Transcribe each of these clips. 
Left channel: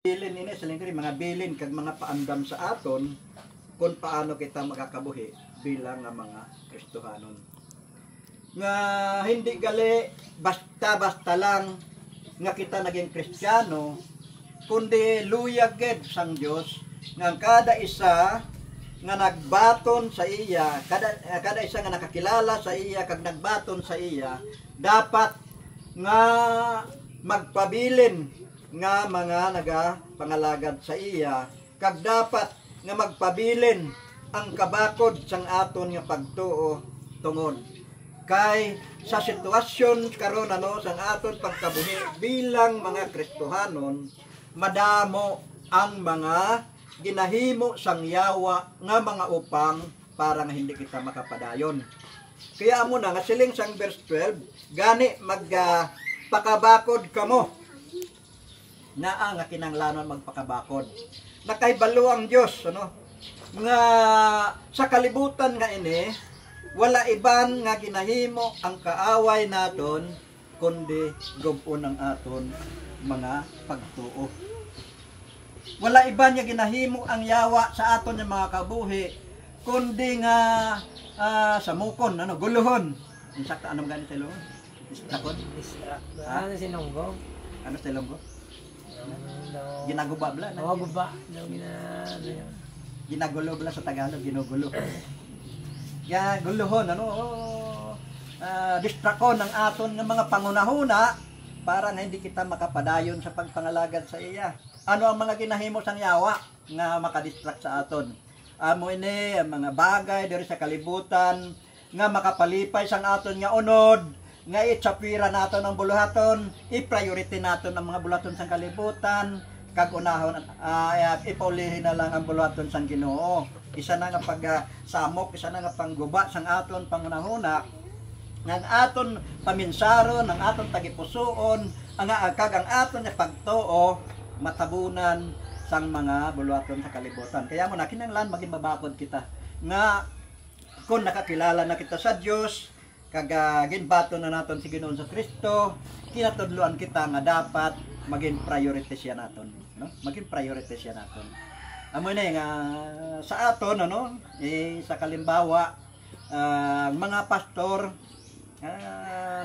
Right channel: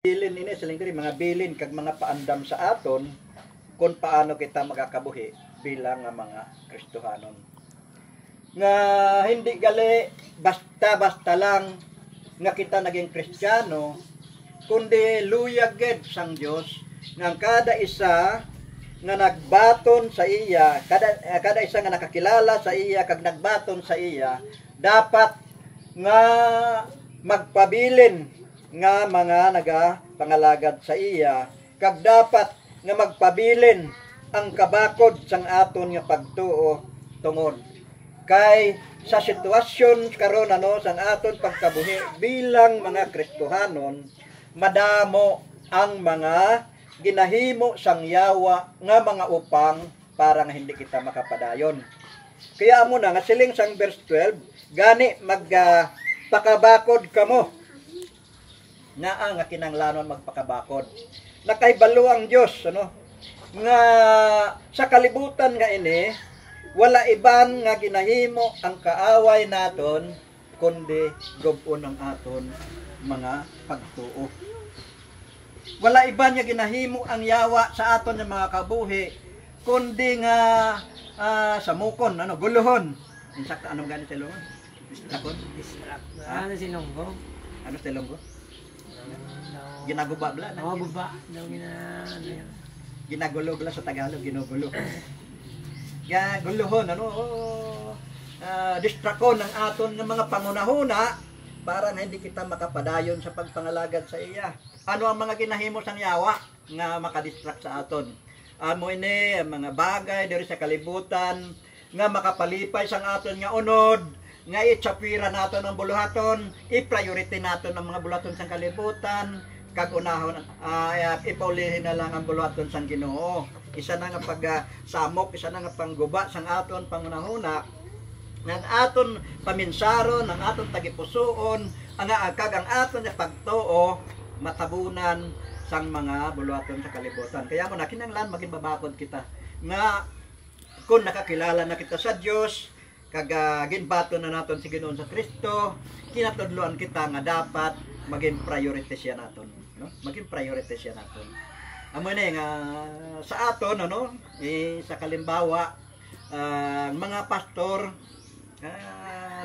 Bilin ini silingkiri mga bilin kag mga paandam sa aton kung paano kita makakabuhi bilang nga mga Kristohanon. Nga hindi gali basta-basta lang nga kita naging Kristiyano, kundi luyag gid sang Dios nga kada isa nga nagbaton sa iya, kada isa nga nakakilala sa iya kag nagbaton sa iya, dapat nga magpabilin nga mga nagapangalagad sa iya, kag dapat nga magpabilin ang kabakod sang aton nga pagtuo tungod kay sa sitwasyon karon sang aton pagkabuhi bilang mga Kristohanon, madamo ang mga ginahimo sang yawa nga mga upang para nga hindi kita makapadayon. Kaya amo na nga siling sang verse 12, gani magpakabakod kamo nga nga kinanglanon magpakabakod. Nakahibalo ang Dios nga sa kalibutan nga ini wala iban nga ginahimo ang kaaway naton kundi gub-on ang aton mga pagtuo. Wala iban nga ginahimo ang yawa sa aton nga mga kabuhi kundi nga samukon guluhon. Insakta anong gani sa ilong? Distract. Ano sinunggo? Ano sa ilong ko? Ginaguba bla na. Guba daw Ginagulo bla sa Tagalog, ginugulo. Ya guluhon distrakon ng aton nga mga pangunahuna para nga hindi kita makapadayon sa pagpangalagad sa iya. Ano ang mga ginahimo sang yawa nga makadistract sa aton? Amo ini mga bagay diri sa kalibutan nga makapalipay sang aton nga unod, nga itsapira naton ang buluhaton, i-priority naton ang mga buluhaton sang kalibutan, kag unahon ipaulihin na lang ang buluhaton sang Ginoo. Isa na nga pagsamok, isa na nga pangguba sang aton pangunahuna, ng aton paminsaron, ng aton tagipusoon, ang kag ang aton nga pagtuo matabunan sang mga buluhaton sa kalibutan. Kaya mo na kinahanglan maging babakod kita nga kung nakakilala na kita sa Dios, kag ginbato na naton si Ginoon sa Kristo, kinatudloan kita nga dapat maging priority siya naton, maging priority siya naton. Amo na nga sa aton sa kalimbawa mga pastor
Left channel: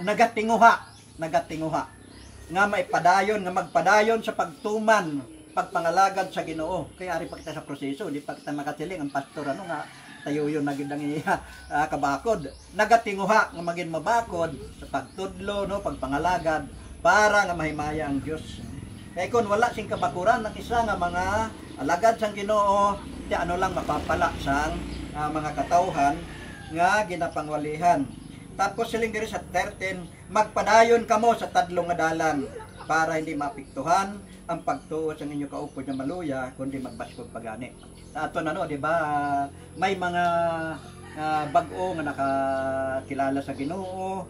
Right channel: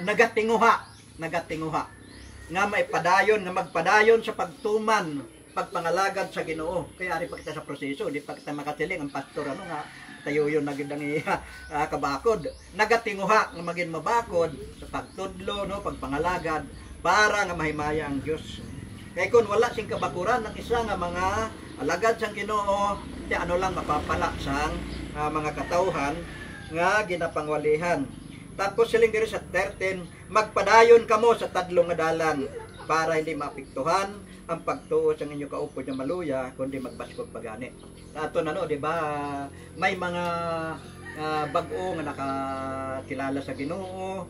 nagatinguha nga maipadayon nga magpadayon sa pagtuman pagpangalagad sa Ginoo. Kaya ari pa kita sa proseso, di pa kita makatiling ang pastor nga tayo yun nagindang kabakod. Nagatinguha nga maging mabakod sa pagtudlo, pagpangalagad para nga mahimaya ang Dios. Kaya kung wala sing kabakuran ng isa nga mga alagad sang Ginoo, di lang mapapala sang mga katawhan nga ginapangwalihan. Tapos siling diri sa 13, magpadayon kamo sa tadlong nga dalan para hindi maapektuhan ang pagtuo sa inyo kaupod nga maluya kundi magbaskog pagani. Sa aton di ba may mga bag-o nga nakakilala sa Ginoo,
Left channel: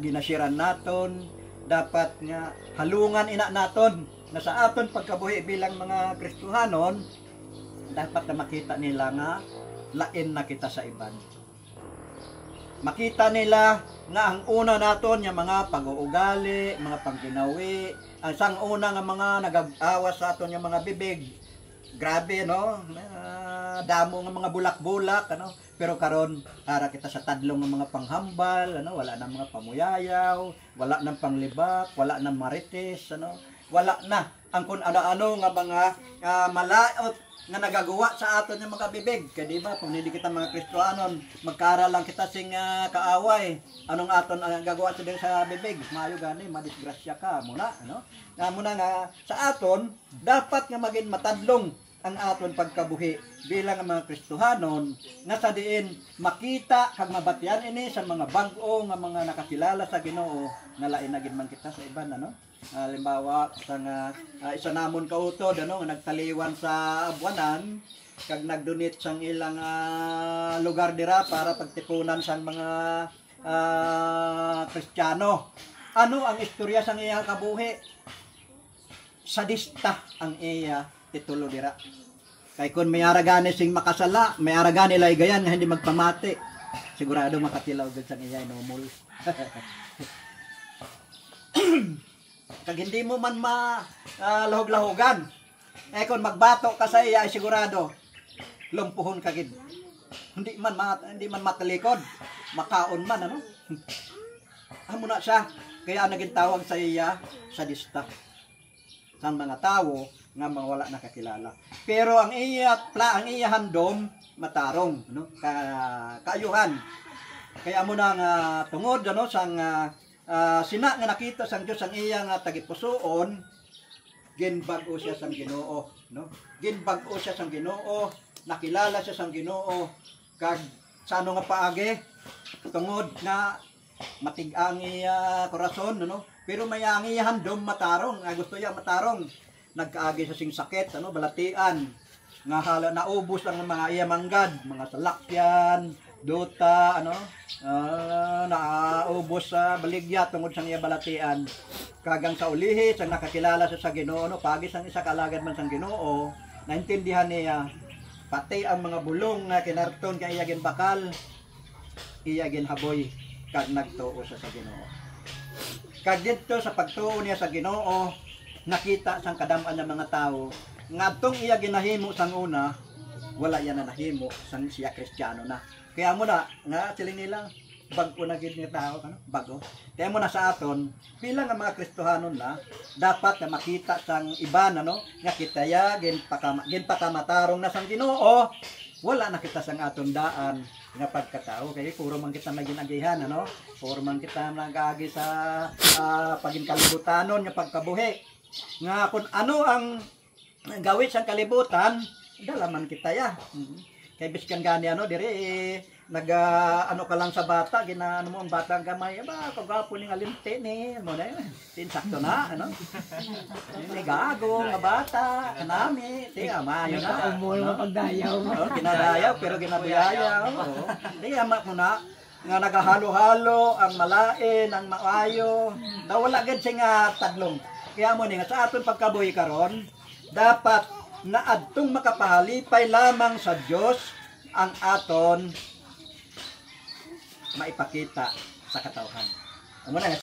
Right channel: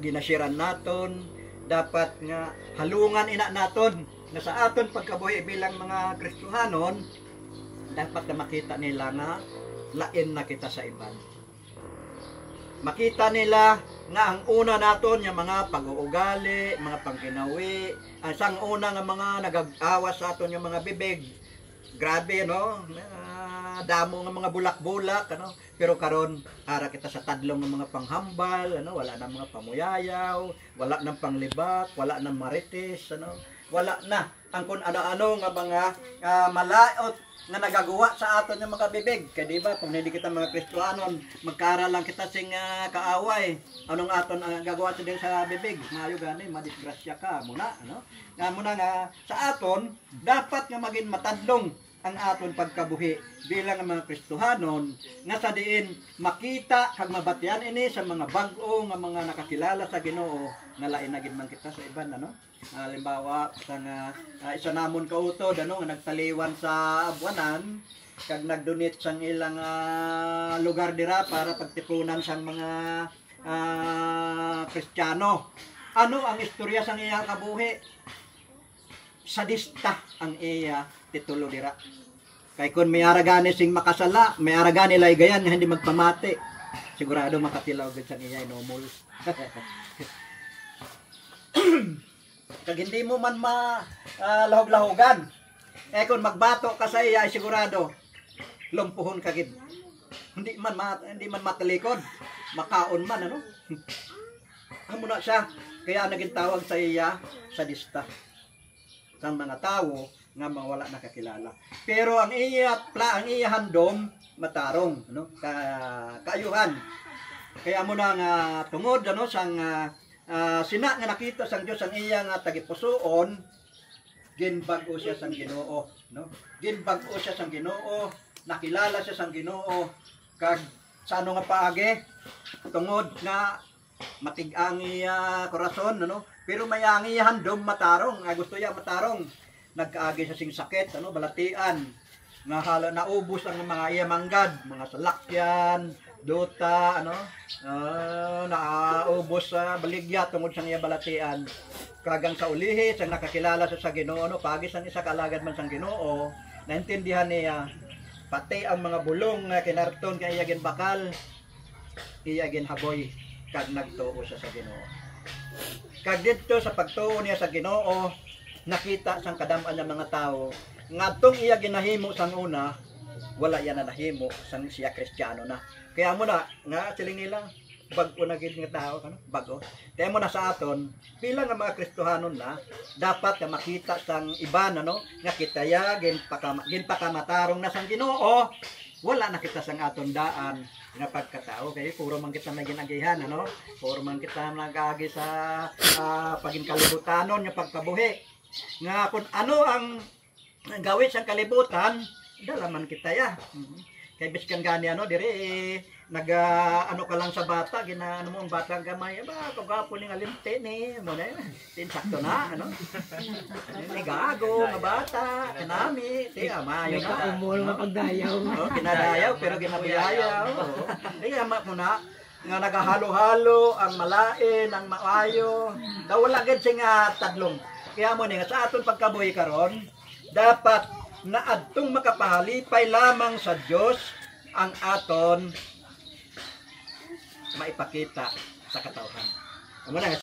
ginasiran naton, dapat nga halungan ina naton na sa aton pagkabuhi bilang mga Kristohanon, dapat na makita nila nga lain na kita sa iban. Makita nila nga ang una naton yung mga pag-uugali, mga pangginawi, ang sang una nga mga nag-awas sa aton yung mga bibig. Grabe damo nga mga bulak-bulak pero karon ara kita sa tadlong nga mga panghambal, wala na mga pamuyayaw, wala nang panglibak, wala nang marites, wala na ang kun ano-ano nga mga malaot nga nagagawa sa aton yung mga bibig. Kaya diba, kung hindi kita mga Kristohanon, magkara lang kita sing kaaway. Anong aton ang gagawa sa din sa bibig? Maayo gani, madisgrasya ka muna. Nga muna nga, sa aton, dapat nga maging matadlong ang aton pagkabuhi bilang ang mga Kristohanon, nga sa diin makita kag mabatian ini sa mga bag-o nga mga nakakilala sa Ginoo, nga lain na gid man kita sa iban halimbawa sang isa namon kautod nga nagtaliwan sa Buanan kag nagdonate sang ilang lugar dira para pagtipunan sang mga Kristiyano. Ano ang istorya sang iya kabuhi? Sadista ang iya titulo dira. Kay kun may aragani sing makasala, may aragani laygayan nga hindi magpamati, sigurado makatilaw gid sang iya inomol. Kag hindi mo man lahog-lahogan. Kung magbato ka sa iya ay sigurado lumpuhon ka gid. Hindi man matalikod, makaon man ano. Amo na siya. Kaya naging tawag sa iya sadista. Sa mga tao nga mawala nakakilala. Pero ang iya handom matarong no kaayuhan. Kaya amo na nga tungod ano sang sina nga nakita sang Dios ang iya nga tagipusoon ginbag-o siya sang Ginoo no. Ginbag-o siya sang Ginoo, nakilala siya sang Ginoo kag sa ano nga paagi tungod nga matig-ang iya korason no. Pero may ang iya handom matarong, gusto iya matarong. Nagkaagi sa sing sakit ano balatian nga hala naubos ang mga iya manggad, mga salakyan, duta ano naubos sa baligya tungod sa iya balatian. Kagang sa ulihi sang nakakilala sa Ginoo no, pagi sang isa kalagad man sang Ginoo, naintindihan niya pati ang mga bulong nga kinarton kay iya ginbakal, iya ginhaboy kag nagtuo sa Ginoo. Kag dito sa pagtuo niya sa Ginoo, nakita sang kadam-an ng mga tao ngadtong iya ginahimo sang una, wala yan na nahimo sang siya Kristiyano na. Kaya mo na nga siling nila bag-o na gid nga tao ano, bag-o. Kaya mo na sa aton bilang nga mga Kristohanon na dapat nga makita sang iban ano nga kitaya ginpakamatarong na sang Ginoo, wala na kita sang aton daan nga pagkatao kay puro man kita naginagihan ano, puro man kita nagagi sa pagin kalibutanon nga pagkabuhi nga kung ano ang gawin sa kalibutan dalaman kita ya. Kay biskan gani ano diri ano ka lang sa bata ginaano mo ang batang gamay ba kagapo ning alimte ni mo na tinsakto na ano ni gago nga bata kanami ti amayo na Umul nga pagdayaw. pinadayaw pero ginabiyayaw di ama mo na nga nagahalo-halo ang malain ang maayo daw wala gid nga tadlong. Kaya mo ni nga sa aton pagkabuhi karon dapat na adtong makapahalipay lamang sa Dios ang aton maipakita sa katawhan. Amo na